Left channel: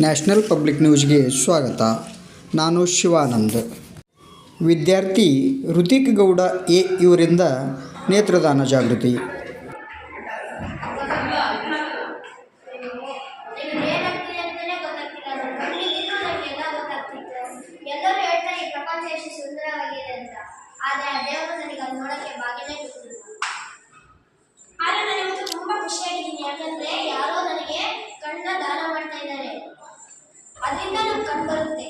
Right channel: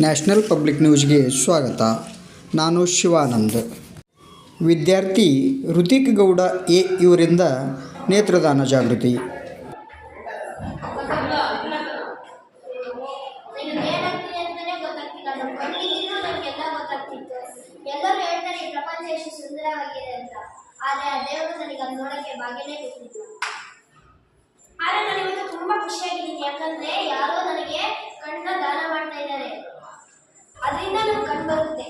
National public ನ್ಯೂಸ್ಗೆ ಸ್ವಾಗತ. ನಾನು ಶಿವಾನಂದ್. ವಿದ್ಯಾರ್ಥಿ ಋತಿಕ್ ಗೌಡ ಎ ಇವರಿಂದ ನೇತ್ರದಾನ ಜಾಗೃತಿ. ಇಂದ ನಮ್ಗೆ ಬರುತ್ತೆ.